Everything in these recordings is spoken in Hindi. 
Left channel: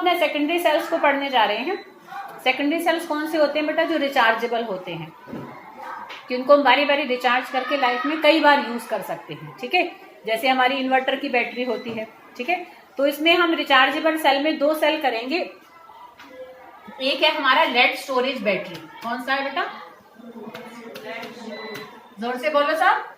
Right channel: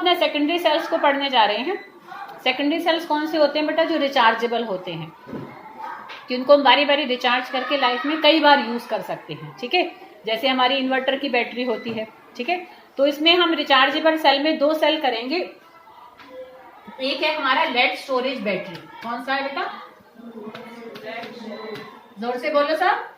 अपने सेकेंडरी सेल्स को पढ़ने जा रहे हैं। सेकेंडरी सेल्स कौन से होते हैं बेटा? जो रिचार्जेबल होते हैं, कि उनको हम बारी बारी रिचार्ज करके लाइफ में कई बार यूज कर सकते हैं। ठीक है, जैसे हमारी इन्वर्टर की बैटरी होती है। ठीक है, तो इसमें हम रिचार्जेबल सेल में 2 सेल करेंगे। एक है हमारा लेड स्टोरेज बैटरी। कौन सा है बेटा? जोर से बोलो साहब।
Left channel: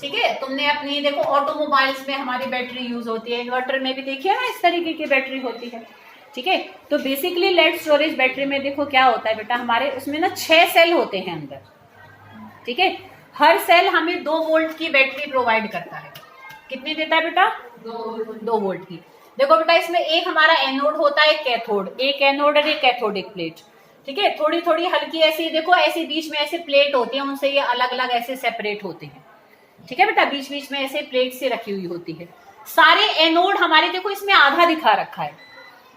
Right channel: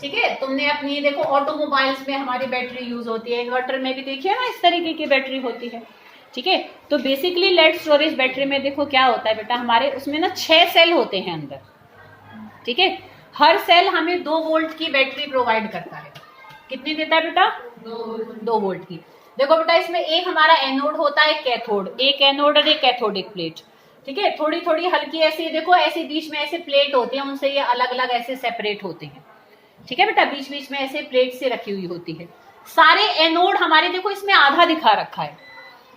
ठीक है, तुमने अपनी देखो ऑटोमोबाइल्स में हमारी बैटरी यूज होती है, इन्वर्टर में भी देखिए ना इस तरीके की बैटरी होती है। ठीक है, तो बेसिकली लेड स्टोरेज बैटरी में देखो क्या होता है बेटा, हमारे उसमें ना 6 सेल होते हैं अंदर। ठीक है, हर सेल हमें 2 वोल्ट की बैटरी प्रोवाइड करता है। कितनी देता है बेटा? 2 वोल्ट की। देखो बेटा, इसमें एक हमारा एनोड होता है, कैथोड। एक एनोड और एक कैथोडिक प्लेट। ठीक है, थोड़ी थोड़ी हल्की ऐसी देखो, ऐसे बीच में ऐसे प्लेट होती है, उनसे ये अलग अलग ऐसे सेपरेट होते हैं। ठीक है बेटा, बीच बीच में ऐसे प्लेट से रखी हुई होती है। सारे एनोड हमारे देखो इसमें आधा दिखा रखा है।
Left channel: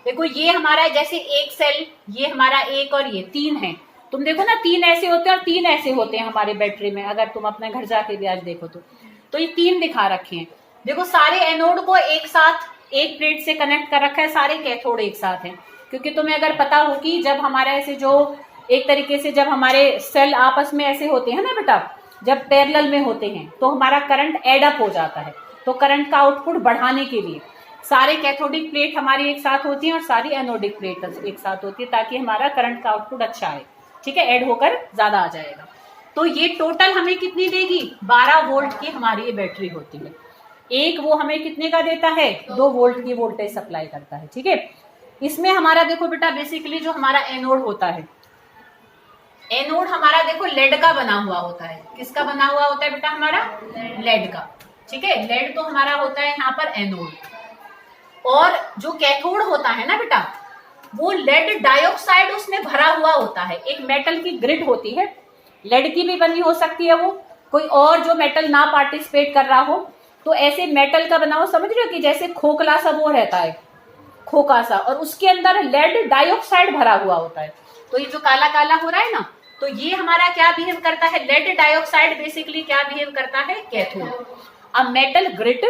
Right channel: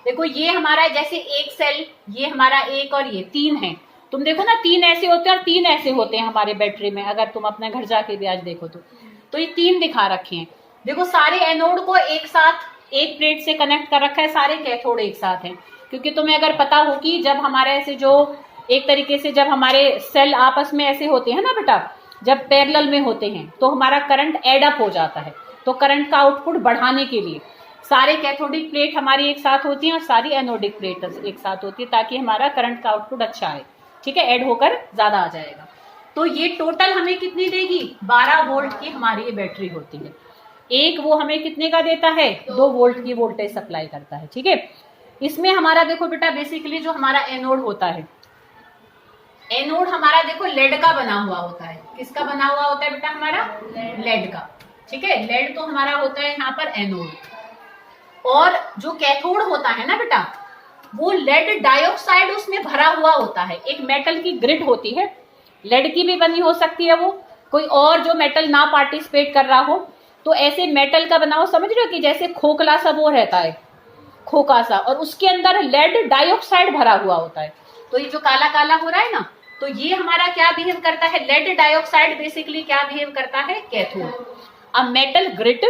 देखो ये हमारा जैसे एक सेल, ये हमारा एक और ये 3 है। तुम देखो ना 3 ऐसे होते हैं और 3 ऐसे होते हैं हमारे बैटरी में, अगर तुम अपने घर जाके भी आज देखो तो ये 3 दिखा रखे हैं। देखो सारे एनोड को एक साथ एक प्लेट से कनेक्ट कर रखा है, सारे कैथोड एक साथ हैं। क्योंकि तुम्हें अगर पता हो कि जब हमारे ऐसे जो एक तरीके से जब हमारे सेल आपस में ऐसे होते हैं ना बेटा, जब पैरेलल में होते हैं तो हमारा करंट एड अप हो जाता है। तो करंट का आउटपुट बढ़ाने के लिए सारे कैथोडिक प्लेट हमारी एक साथ होती हैं और सारी एनोडिक प्लेट एक साथ होती है, ताकि हमारा करंट का आउटपुट अच्छा आए। ठीक है, ऐड होकर ज्यादा आ जाएगा। तो ये टोटल हमें कितनी देगी? 12 वोल्ट की हमारी ये बैटरी होती है। एक वो हमें कितने का देता है? 2 वोल्ट की वोल्टेज सप्लाई करता है। ठीक है, इसमें हमारा देखो बेटा बेसिकली जो हमारा एनोड होता है, एनोड हमारा देखो लेड का बना हुआ होता है। किसका बना हुआ होता है बेटा? हमारा लेड का। ठीक है, लेड तो हमारा होता है यहाँ पर एनोड। और जो कैथोड होता है ना बेटा, वो लेड डाइऑक्साइड उसमें भरा हुआ होता है। एक मेटल की ग्रिड होती है, लेड की भी बनी हो सकती है, वो कोई और जो मेटल ना पार्टिसिपेट कर रहा हो, तो ऐसे मेटल का बना हो, समझ रहे हो कि जैसे खोखला सा वो रहता है, खोखा सा, और उसके अंदर लेड डाइऑक्साइड भरा हुआ होता है। तो ये जो काला काला हो रहा है ना, तो ये हमारा क्या बिहेव करता है? लेड डाइऑक्साइड बेसिकली क्या बिहेव करता है? Cathode. A metal grid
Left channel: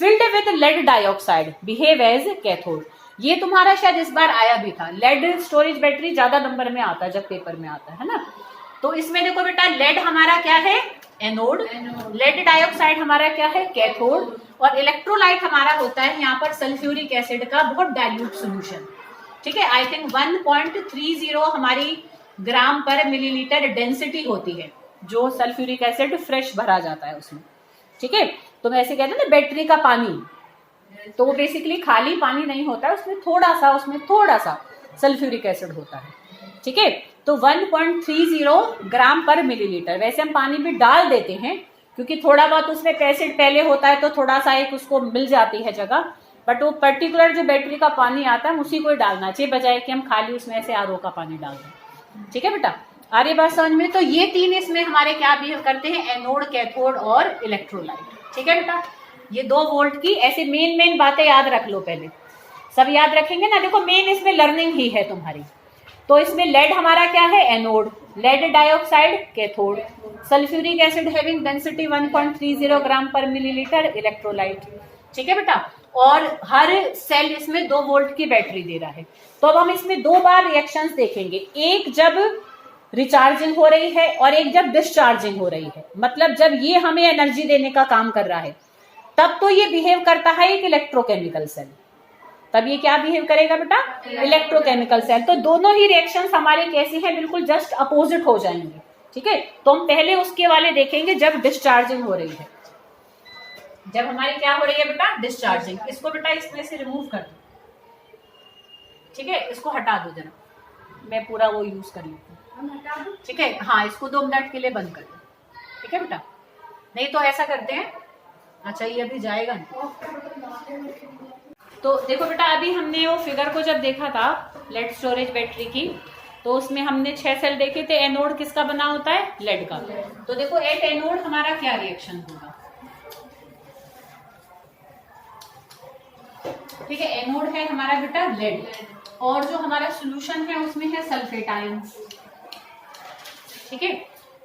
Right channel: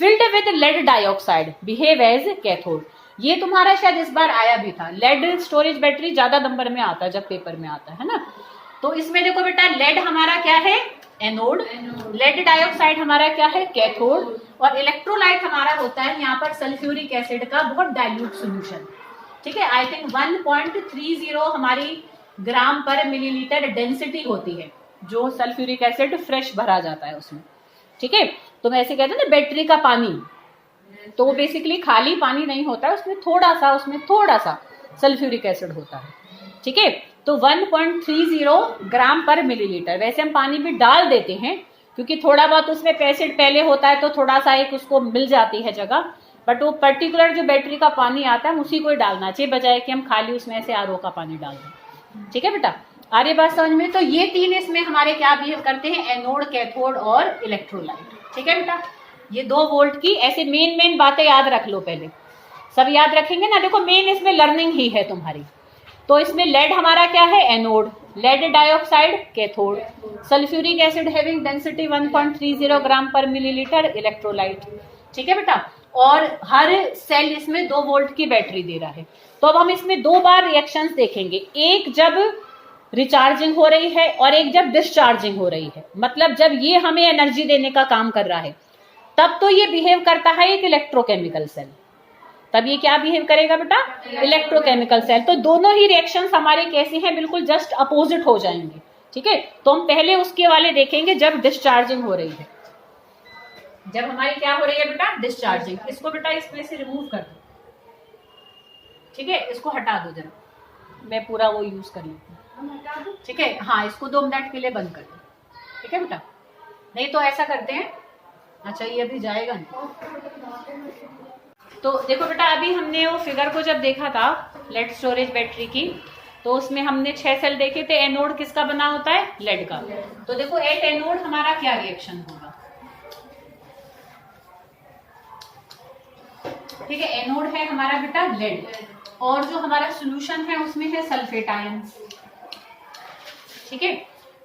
filled with lead dioxide behave as cathode. ये तुम्हारा शायद इस बार आया भी था। लेड स्टोरेज बैटरी ज्यादा नंबर में आता है जब पेपर में आता है ना। तो इसमें देखो बेटा, लेड हमारा क्या है? एनोड। लेड डाइऑक्साइड हमारा क्या है? कैथोड। और इलेक्ट्रोलाइट हमारा होता है यहाँ पर सल्फ्यूरिक एसिड का बहुत डाइल्यूट सोल्यूशन। ठीक है, आई थिंक 1.30 हमारी ग्राम पर मिलीलीटर डेंसिटी होती है जो सल्फ्यूरिक एसिड फ्रेश भरा जाता है उसमें। ठीक है, तो मैं ऐसे कहते हैं ना बैटरी का पानी, तो वो बेसिकली खाली पानी नहीं होता है, उसमें थोड़ा सा सल्फ्यूरिक एसिड होता है। ठीक है, तो 1.30 ग्राम पर मिलीलीटर। वैसे हम पानी भी डाल देते हैं क्योंकि थोड़ा बहुत उसमें एसिड पहले होता है, तो थोड़ा सा एक उसको मिल जाती है जगह, बट वो पर्टिकुलर जो बैटरी का पानी आता है उसी को ही डालना चाहिए, बजाय कि हम खाली उसमें से आरओ का पानी डाल दें। ठीक है बेटा, आ रही बात समझ में? तो ये 3 इसमें हमारे क्या बिहेव करते हैं? एनोड, कैथोड और इलेक्ट्रोलाइट। ठीक है बेटा, ये 2 वोल्ट की ऐसे मेन बातें याद रख लो। पहले सब याद रखेंगे ना। देखो मेन इसमें लर्निंग ही है तुम्हारी। तो इसमें लेड हमारा क्या है? Anode. Lead dioxide cathode. Sulphuric acid having density 1.30 gram per millilitre electrolyte. ठीक है बेटा, और हर सेल इसमें 2 वोल्ट की बैटरी दे रहा है। तो अब हम इसमें 2 बार रिएक्शंस देखेंगे, एक जब रिचार्जिंग हो रही है और एक जब डिस्चार्जिंग हो रही है। मतलब जब ये हमें एनर्जी देने का काम कर रहा है तब तो ये बिहेव करता है एक इलेक्ट्रोकेमिकल सेल। तब ये क्या बिहेव करेगा बेटा? Electrochemical cell. तो दोनों ही रिएक्शंस हमारे कैसे हैं? बिल्कुल जस्ट अपोजिट हो जाएंगे। ठीक है, तो हम पहले उसके वाले देखेंगे जब डिस्चार्जिंग हो रही है। जब हमारी क्या हो रही है बेटा? डिस्चार्जिंग। इसको बेटा इसमें से रिमूव कर दो। ठीक है, इसको हटा दो जरा, मैं पूरा वो यूज कर लेती हूँ। ठीक है, हाँ, इसको 2 मिनट के लिए बंद कर दो। ठीक है बेटा, नहीं तो ऐसा करते हैं, अच्छा ये अभी जाएगा नहीं। तो देखो बेटा, अभी हमने वो फिगर को जब देखा था लेड स्टोरेज बैटरी की, तो उसमें हमने 6 सेल देखे थे। एनोड किसका बना होता है? लेड का। तो देखो एट एनोड हमारा क्या रिएक्शन होगा? ठीक है, एनोड है हमारा बेटा लेड, और जो हमारा सोल्यूशन है उसमें है सल्फेट आयन। ठीक है,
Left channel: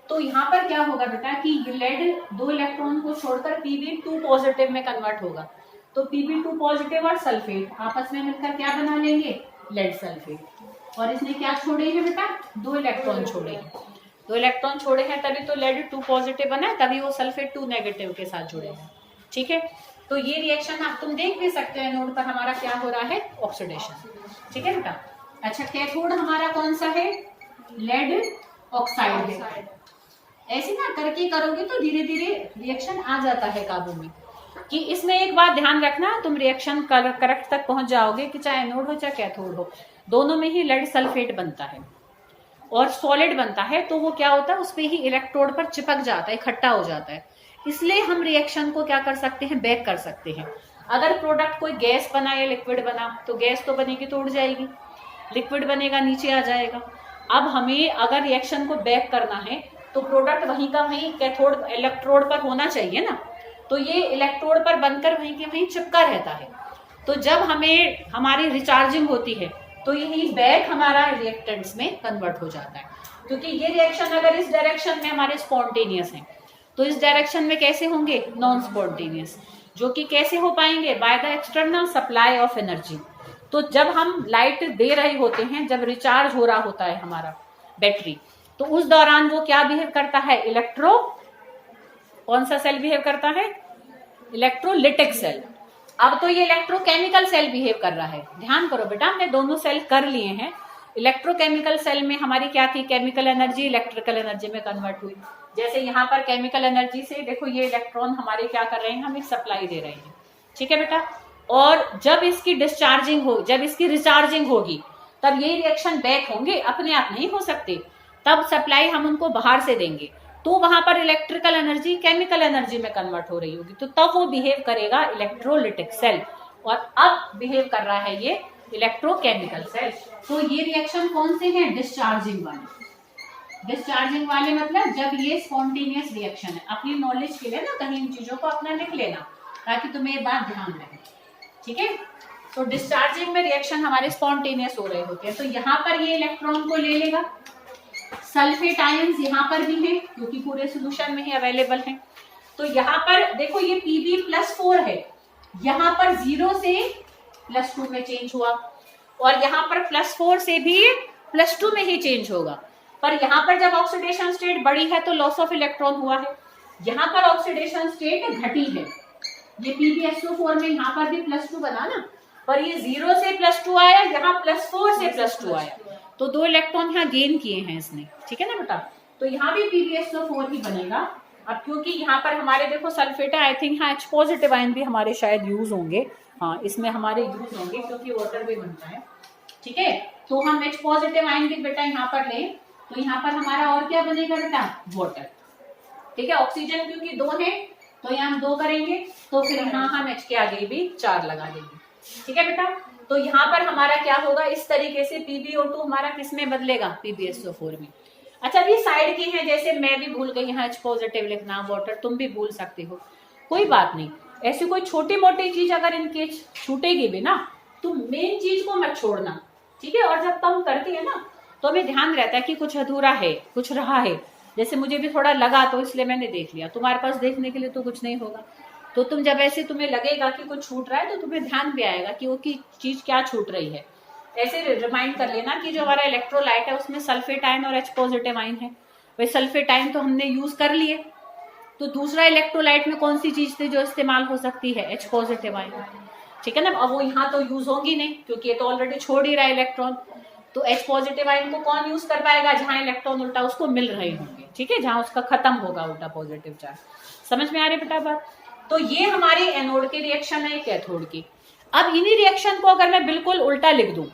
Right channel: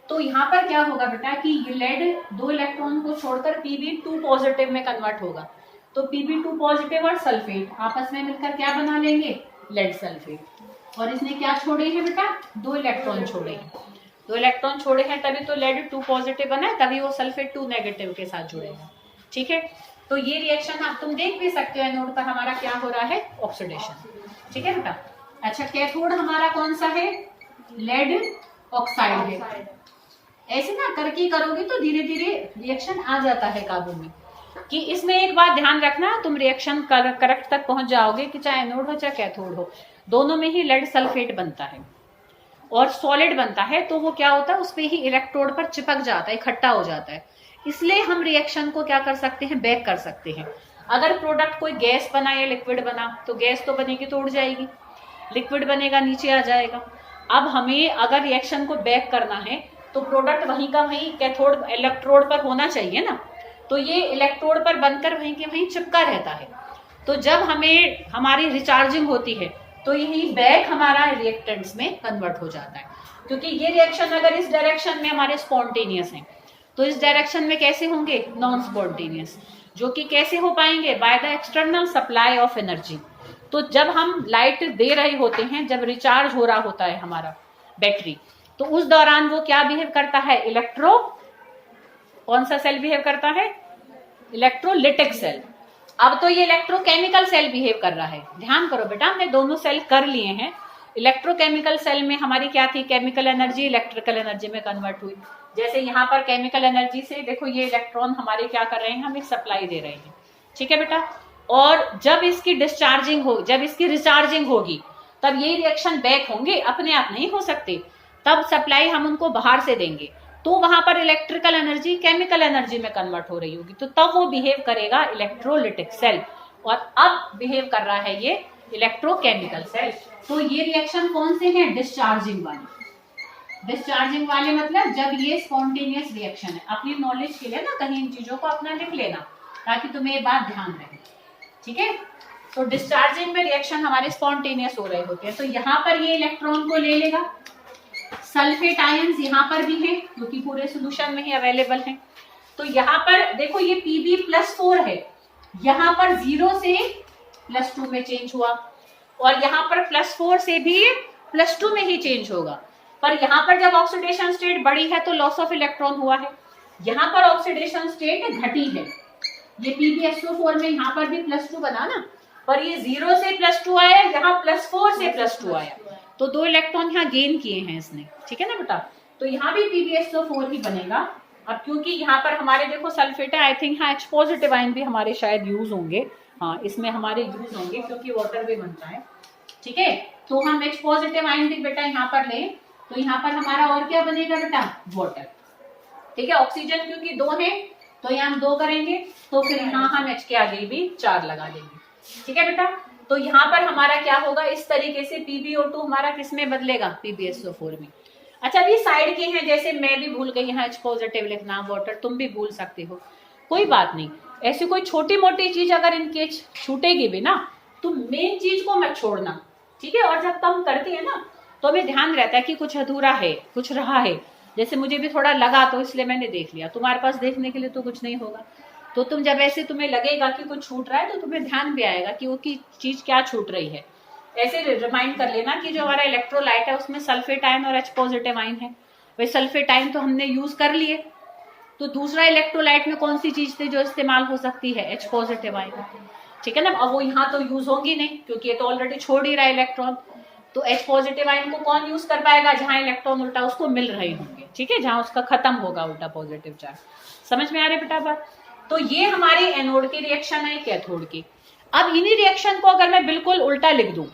तो यहाँ पर क्या होगा बेटा कि लेड 2 इलेक्ट्रॉन को छोड़कर Pb2 पॉजिटिव में कन्वर्ट होगा। तो Pb2 पॉजिटिव और सल्फेट आपस में मिलकर क्या बना लेंगे, लेड सल्फेट। और इसने क्या छोड़े हैं बेटा, 2 इलेक्ट्रॉन छोड़े हैं, 2 इलेक्ट्रॉन छोड़े हैं तभी तो लेड 2 पॉजिटिव बना है, तभी वो सल्फेट 2 नेगेटिव के साथ जुड़े हैं। ठीक है, तो ये रिएक्शन आप तुम देख भी सकते हो नोड पर हमारा क्या हो रहा है, ऑक्सीडेशन। ठीक है बेटा। अच्छा, कैथोड हमारा कौन सा है, लेड ऑक्साइड है। ऐसे ना करके करोगे तो धीरे धीरे रिएक्शन आ जाता है काबू में। कि इसमें एक बात ध्यान रखना, तुम रिएक्शन करेक्ट तक पहुंच जाओगे कि चाहे एनोड हो चाहे कैथोड हो, दोनों में ही लेड सल्फेट बनता है और सॉलिड बनता है, तो वो क्या होता है, उस पे ही इलेक्ट्रोड पर चिपक जाता है, इकट्ठा हो जाता है। इसलिए हम रिएक्शन को क्या कर सकते हैं, बैक कर सकते हैं। अगर प्रोडक्ट कोई गैस बना या लिक्विड बना तो गैस तो बनेगी तो उड़ जाएगी, लिक्विड बनेगा नीचे आ जाएगा। अब हमें अगर रिएक्शन को बैक करना है तो प्रोडक्ट वहीं का वहीं कैथोड इलेक्ट्रोड पर होना चाहिए ना, तो ये इलेक्ट्रोड पर बनकर वहीं के वहीं चिपका रहता है। तो जब हमें हमारी रिचार्जिंग होती है तो यही बैक हमारा रिएक्टेंट्स में कन्वर्ट हो जाता है। क्योंकि ये रिएक्शन अगर इस डायरेक्शन में हमारे स्पॉन्टेनियस हैं तो इस डायरेक्शन में कैसे होंगे, नॉन स्पॉन्टेनियस, जो कि कैसे हो पाएंगे, by the external supply of energy. तो जब हम लाइट दे रहे होते हैं, जब रिचार्ज हो रहा होता है हमारा बैटरी, तो उस दौरान वो क्या बिहेव करता है, कौन सा सेल बिहेव करता है, इलेक्ट्रोलिटिक सेल। अब तो ये इलेक्ट्रोकेमिकल सेल बिहेव कर रहा है। ध्यान करो बेटा, हमने दोनों सेल कर लिए हैं। इलेक्ट्रोकेमिकल सेल में हमारी क्या थी, केमिकल एनर्जी इलेक्ट्रिकल एनर्जी में कन्वर्ट हुई। जैसे यहाँ पर केमिकल एनर्जी से देखो ये इलेक्ट्रॉन हमारे क्या कर रहे हैं, हम एक सप्लाई दे रहे हैं। ठीक है बेटा। और जब इसकी डिस्चार्जिंग हो, जब इसकी रिचार्जिंग होगी, तब ये रिएक्शन बैक होंगे, अपने आप नहीं हो सकते। तब सप्लाई हम उनको बाहर से देंगे, तो वहां पर इलेक्ट्रिकल एनर्जी केमिकल एनर्जी में कन्वर्ट हो रही होगी, तो तब वो बिहेव करेगा इलेक्ट्रोलिटिक सेल। और अब बिहेव कर रहा है ये इलेक्ट्रोकेमिकल सेल। तो ये रिएक्शन कौन से हैं, डिस्चार्जिंग वाले। डिस्चार्जिंग वाले मतलब जब ये स्पॉन्टेनियस रिएक्शन है। अपनी नॉलेज के लिए ना कहीं इन चीजों को अपना लिख लेना ताकि तुम्हें ये बात ध्यान रहे। ठीक है, तो डिस्चार्जिंग में रिएक्शन हमारे स्पॉन्टेनियस हो रहे होते हैं। तो यहाँ पर ये इलेक्ट्रॉन को ले लेगा, सल्फेट आयंस यहाँ पर भी हैं क्योंकि पूरे सोल्यूशन में ही अवेलेबल हैं। तो यहाँ पर देखो ये Pb+4 है, यहाँ पर 0 से +2 में चेंज हुआ और यहाँ पर +4 से भी +2 में ही चेंज होगा। पर यहाँ पर जब ऑक्सीडेशन स्टेट बढ़ी है तो लॉस ऑफ इलेक्ट्रॉन हुआ है, यहाँ पर ऑक्सीडेशन स्टेट घटी है। ये PbSO4 में यहाँ पर भी +2 बना ना, पर ये 0 से +2 आया, यहाँ +4 से +2 आया, तो 2 इलेक्ट्रॉन यहाँ गेन किए हैं इसने। ठीक है ना बेटा, तो यहाँ भी PbSO4 ही बनेगा। अब क्योंकि यहाँ पर हमारे देखो सल्फेट है, आई थिंक हाँ H पॉजिटिव आयन भी हमारे शायद यूज होंगे, हाँ इसमें हमारे यूज होंगे क्योंकि वाटर भी बनता है। ठीक है, तो हम H पॉजिटिव आयन भी बेटा यहाँ पर लें तो यहाँ पर हमारा और क्या बनेगा बेटा, वाटर। ठीक है, ऑक्सीजन क्योंकि 2 है तो यहाँ हम 2 करेंगे, तो फिर यहाँ हम H के आगे भी 4 लगा देंगे। ठीक है बेटा, तो यहाँ पर हमारा क्या होगा, इस तरीके से PbO2 हमारा किस में बदलेगा, PbSO4 में। अच्छा, अभी साइड के हैं, जैसे मैं भी भूल गई यहाँ H पॉजिटिव लिखना, वाटर तुम भी भूल सकते हो, कोई बात नहीं। ऐसी कोई छोटी मोटी चीज अगर इनके छूटेगी भी ना, तो मेन चीज को मत छोड़ना। ठीक है, और जब तुम करती है ना तो हमें ध्यान रहता है कि कुछ अधूरा है, कुछ रहा है। जैसे मुझे भी थोड़ा लगा तो इसलिए मैंने देख लिया, तुम्हारे पास देखने के लिए तो कुछ नहीं होगा। तो तुम जब ऐसे तुम्हें लगेगा कि कुछ छूट रहा है तो तुम्हें ध्यान भी आएगा कि वो की चीज क्या छूट रही है। ऐसे रिमाइंड कर लेना कि जो हमारा इलेक्ट्रोलाइट है उसमें सल्फेट आयन और H पॉजिटिव आयन है। वही सल्फेट आयन तो हमने यूज कर लिए, तो दूसरा इलेक्ट्रोलाइट में कौन सी चीज थी जो इस्तेमाल हो सकती है, H पॉजिटिव आयन। ठीक है ना, अब वो यहाँ तो यूज होगी नहीं क्योंकि ये तो ऑलरेडी छोड़ ही रहा है इलेक्ट्रॉन। तो H पॉजिटिव आयन को कौन यूज कर पाएगा, जहां इलेक्ट्रॉन उल्टा उसको मिल रहे होंगे। ठीक है, जहां उसका खत्म होगा उल्टा पॉजिटिव चार्ज। समझ में आ रही बेटा बात। तो ये हमारे एनोड के रिएक्शन है, कैथोड की। अब इन्हीं रिएक्शन को अगर मैं बिल्कुल उल्टा लिख दूं,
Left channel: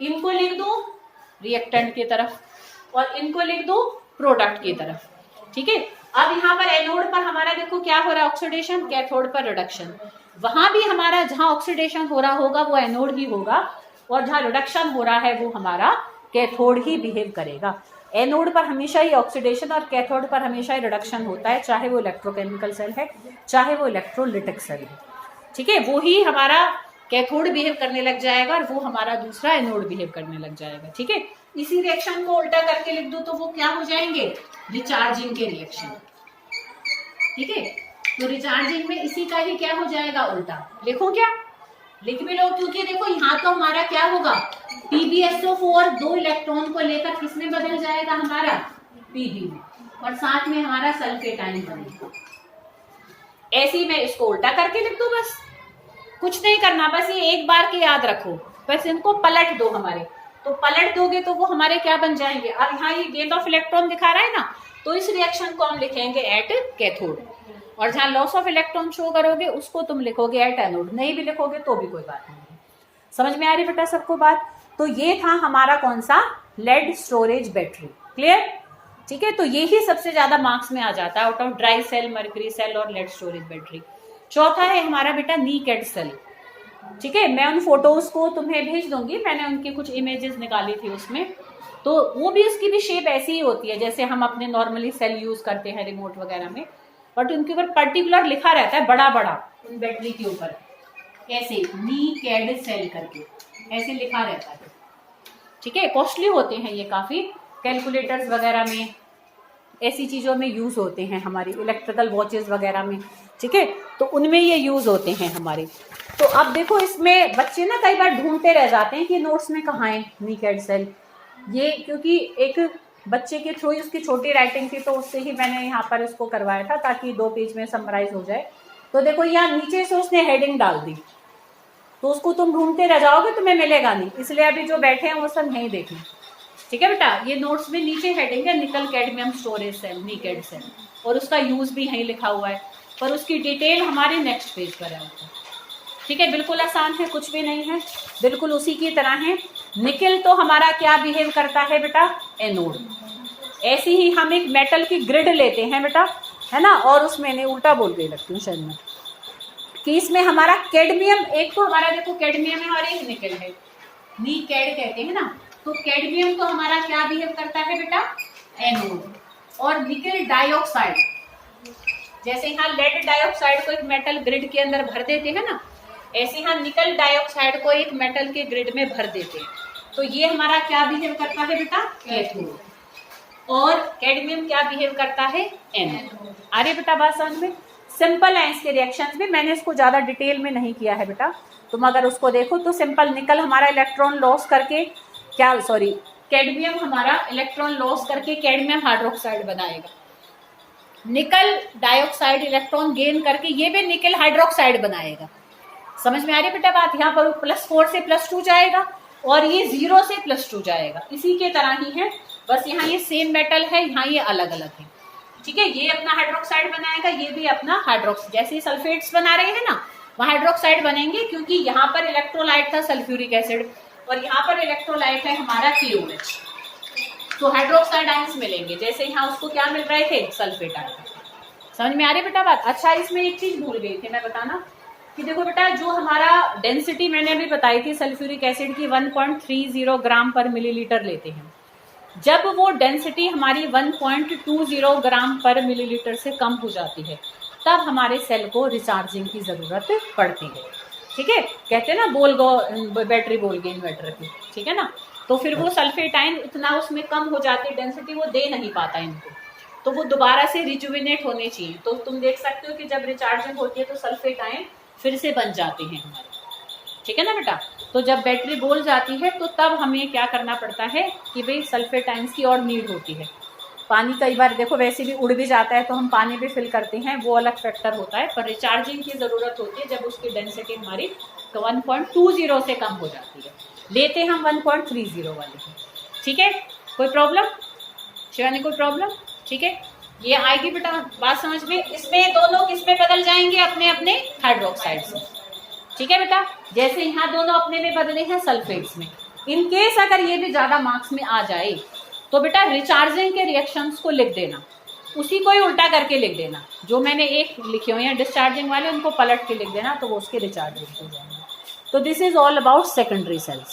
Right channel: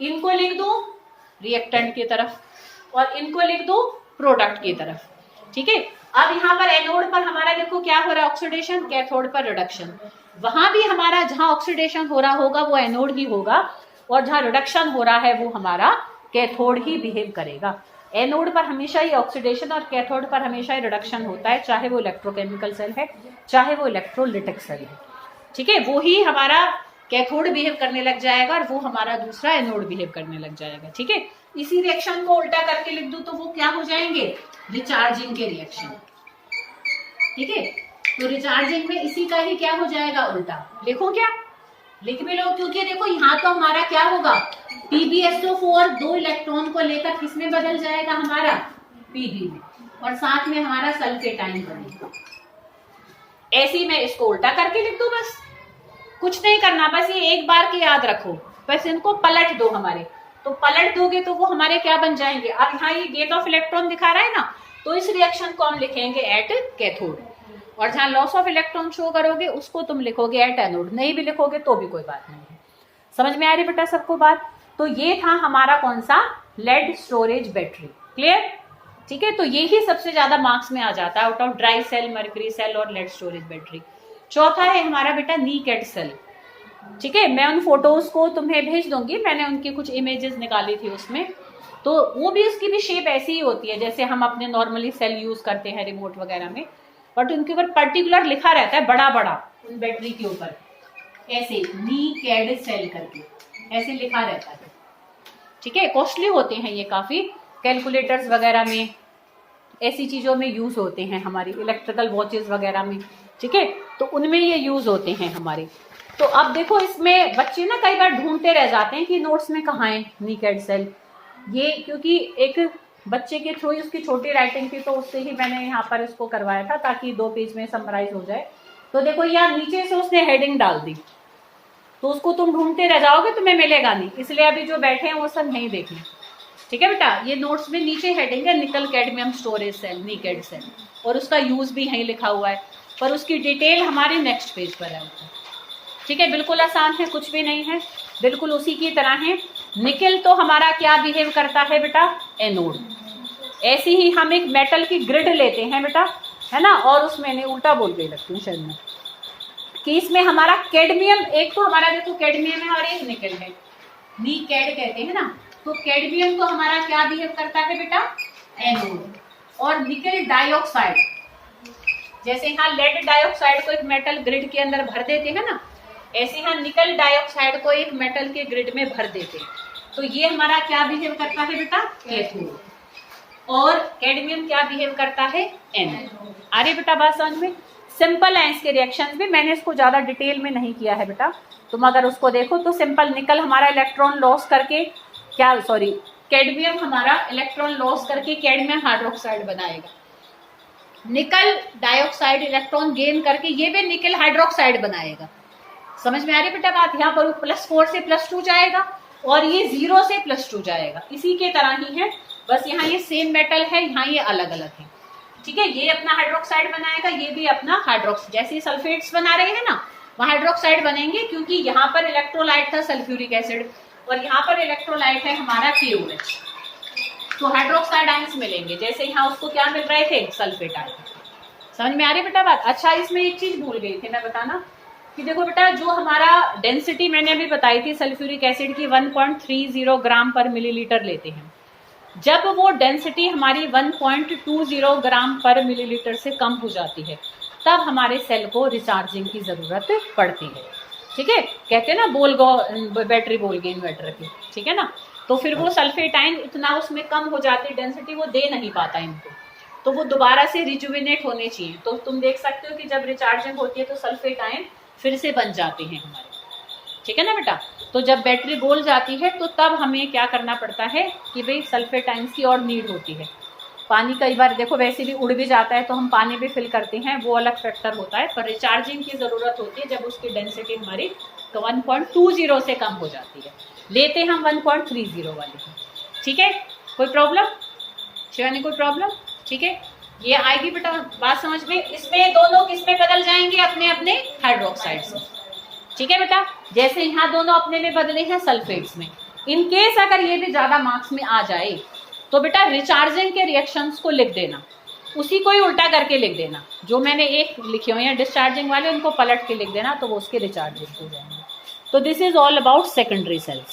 इनको लिख दूं रिएक्टेंट की तरफ और इनको लिख दूं प्रोडक्ट की तरफ। ठीक है, अब यहाँ पर एनोड पर हमारा देखो क्या हो रहा है, ऑक्सीडेशन, कैथोड पर रिडक्शन। वहां भी हमारा जहां ऑक्सीडेशन हो रहा होगा वो एनोड ही होगा और जहां रिडक्शन हो रहा है वो हमारा कैथोड ही बिहेव करेगा। एनोड पर हमेशा ही ऑक्सीडेशन और कैथोड पर हमेशा ही रिडक्शन होता है, चाहे वो इलेक्ट्रोकेमिकल सेल है चाहे वो इलेक्ट्रोलिटिक सेल है। ठीक है, वो ही हमारा कैथोड बिहेव करने लग जाएगा और वो हमारा दूसरा एनोड बिहेव करने लग जाएगा। ठीक है, इसी रिएक्शन को उल्टा करके लिख दूं तो वो क्या हो जाएंगे, रिचार्जिंग के रिएक्शन। ठीक है, तो रिचार्जिंग में इसी का ही क्या हो जाएगा, उल्टा। लिखो क्या, लिख भी लो, क्योंकि देखो यहाँ तो हमारा क्या होगा, PbSO4 2 इलेक्ट्रॉन को लेकर किसमें बदल जाएगा, हमारा Pb में, और साथ में हमारा सल्फेट आयन बनेगा। ऐसे ही मैं इसको उल्टा करके लिख दूं, बस कुछ नहीं करना, बस ये एक बार की याद रखो, बस इनको पलट दो हमारे, तो पलट दोगे तो वो हमारे क्या बन जाएंगे। अब यहाँ ये गेट ऑफ इलेक्ट्रॉन दिखा रहा है ना, तो इस रिएक्शन को हम लिखेंगे एट कैथोड, और जहां लॉस ऑफ इलेक्ट्रॉन शो करोगे उसको तुम लिखोगे एट एनोड। नहीं भी लिखोगे तो भी कोई बात नहीं है। समझ में आ रही बेटा सबको बात। तो ये था हमारा कौन सा, लेड स्टोरेज बैटरी। क्लियर, ठीक है। तो ये ही सबसे ज्यादा मार्क्स में आ जाता है out of dry cell, mercury cell और लेड स्टोरेज बैटरी। चौथा है हमारा बेटा नीकेड सेल। ठीक है, मैं उन फोटोज को तुम्हें भेज दूंगी, मैंने उनकी कुछ इमेजेस निकाली थी उसमें, तो वो भी उसकी भी शेप ऐसी ही होती है जैसे हम अपने नॉर्मली सेल यूज करते हैं रिमोट वगैरह में, बट उनके ऊपर पर्टिकुलर लिखा रहता है बड़ा बड़ा उन बैटरी के ऊपर, ऐसे नीकेड सेल करके ऐसे लिखा रहता है। ठीक है, कॉस्टली होते हैं ये काफी, कैलकुलेटर्स वगैरह में, ऐसी चीजों में यूज होते हैं, हमारी इलेक्ट्रिकल वॉचेस वगैरह में। ठीक है, तो उनमें ये यूज होते हैं हमारे। तो अब देखो इसमें बच्चे ना कई बार ढूंढते रह जाते हैं कि नोट्स में कहाँ है नीकेड सेल। ये क्योंकि एक बच्चे के थ्रू उसकी छोटी राइटिंग थी, तो उससे ही मैंने यहाँ पर इसको करवाया था ताकि 2 पेज में समराइज हो जाए। तो देखो यहाँ नीचे से उसने हेडिंग डाल दी, तो उसको तुम ढूंढते रह जाओगे, तुम्हें मिलेगा नहीं, इसलिए अभी जो बैठे हैं वो सब नहीं देखें। ठीक है बेटा, ये नोट्स में नीचे हेडिंग है nickel cadmium storage cell, nicad cell, और उसका यूज भी यहीं लिखा हुआ है, पर उसकी डिटेल हमारे नेक्स्ट पेज पर है। ठीक है, बिल्कुल आसान है, कुछ भी नहीं है, बिल्कुल उसी की तरह है। निकल तो हमारा क्या बिहेव करता है बेटा, एनोड। ऐसे ही हम एक मेटल की ग्रिड लेते हैं बेटा, है ना, और उसमें नहीं उल्टा बोल के लगती हूँ शायद मैं, कि इसमें हमारा कैडमियम, एक तो हमारा देखो कैडमियम है और एक निकल है, नीकेड कहते हैं ना। तो कैडमियम तो हमारा क्या बिहेव करता है बेटा, एनोड, और निकल डाइऑक्साइड, जैसे यहाँ लेड डाइऑक्साइड को एक मेटल ग्रिड के अंदर भर देते हैं ना, ऐसे यहाँ निकल डाइऑक्साइड को एक मेटल के ग्रिड में भर देते हैं। तो ये हमारा क्या बिहेव करता है बेटा, कैथोड, और कैडमियम क्या बिहेव करता है, एनोड। अरे बेटा बात समझ में, सिंपल है इसके रिएक्शंस भी, मैंने इसको ज्यादा डिटेल में नहीं किया है बेटा, तुम अगर उसको देखो तो सिंपल, निकल हमारा इलेक्ट्रॉन लॉस करके क्या, सॉरी कैडमियम हमारा इलेक्ट्रॉन लॉस करके कैडमियम हाइड्रोक्साइड बनाएगा, निकल डाइऑक्साइड इलेक्ट्रॉन गेन करके ये भी निकल हाइड्रोक्साइड बनाएगा। समझ में आ रही बेटा बात, यहाँ पर +4 से +2 जाएगा और ये 0 से +2 जाएगा, इसी के तरह ही है, बस यहाँ ये सेम मेटल है, यहाँ ये अलग अलग है। ठीक है, ये अपना हाइड्रोक्साइड बनाएगा, ये भी अपना हाइड्रोक्साइड, जैसे सल्फेट्स बना रहे हैं ना वहाँ हाइड्रोक्साइड बनेंगे, क्योंकि यहाँ पर इलेक्ट्रोलाइट था सल्फ्यूरिक एसिड और यहाँ पर इलेक्ट्रोलाइट है हमारा KOH, तो हाइड्रोक्साइड आयंस मिलेंगे, जैसे यहाँ उसको क्या मिल रहे थे, सल्फेट आयन। समझ में आ रही बेटा बात। अच्छा, इसमें एक चीज भूल गई थी मैं बताना, कि देखो बेटा जो हमारा डेंसिटी मैंने अभी बताई थी सल्फ्यूरिक एसिड की 1.30 ग्राम पर मिलीलीटर लेते हैं, जब वो डेंसिटी हमारी 1.20 ग्राम पर मिलीलीटर से कम हो जाती है तब हमारे सेल को रिचार्जिंग की जरूरत पड़ती है। ठीक है, कहते हैं ना बोल गो बैटरी बोल गई इन्वर्टर की, ठीक है ना, तो फिर वो सल्फेट आयन इतना उसमें कम हो जाती है डेंसिटी, वो दे नहीं पाता इनको, तो वो दोबारा से रिजुविनेट होने चाहिए। तो तुम देख सकते हो कि जब रिचार्जिंग होती है तो सल्फेट आयन फिर से बन जाते हैं हमारे। ठीक है ना बेटा, तो जब बैटरी बोल जाती है तो तब हमें क्या करना पड़ता है कि भाई सल्फेट आयंस की और नीड होती है। पानी कई बार देखो वैसे भी उड़ भी जाता है तो हम पानी भी फिल करते हैं, वो अलग फैक्टर होता है, पर रिचार्जिंग की जरूरत होती है जब उसकी डेंसिटी हमारी 1.20 से कम हो जाती है, लेते हम 1.30 वाली है। ठीक है, कोई प्रॉब्लम, शिवानी कोई प्रॉब्लम? ठीक है, ये आएगी बेटा बात समझ में। इसमें दोनों किसमें बदल जाएंगे, अपने अपने हाइड्रोक्साइड से। ठीक है बेटा, जैसे यहाँ दोनों अपने में बदले हैं सल्फेट्स में। इन केस अगर ये भी ज्यादा मार्क्स में आ जाए तो बेटा रिचार्जिंग के रिएक्शंस को लिख देना, उसी को ही उल्टा करके लिख देना, जो मैंने एक लिखे हुए हैं डिस्चार्जिंग वाले उनको पलट के लिख देना, तो वो उसके रिचार्जिंग हो जाएंगे। तो this is all about secondary sales.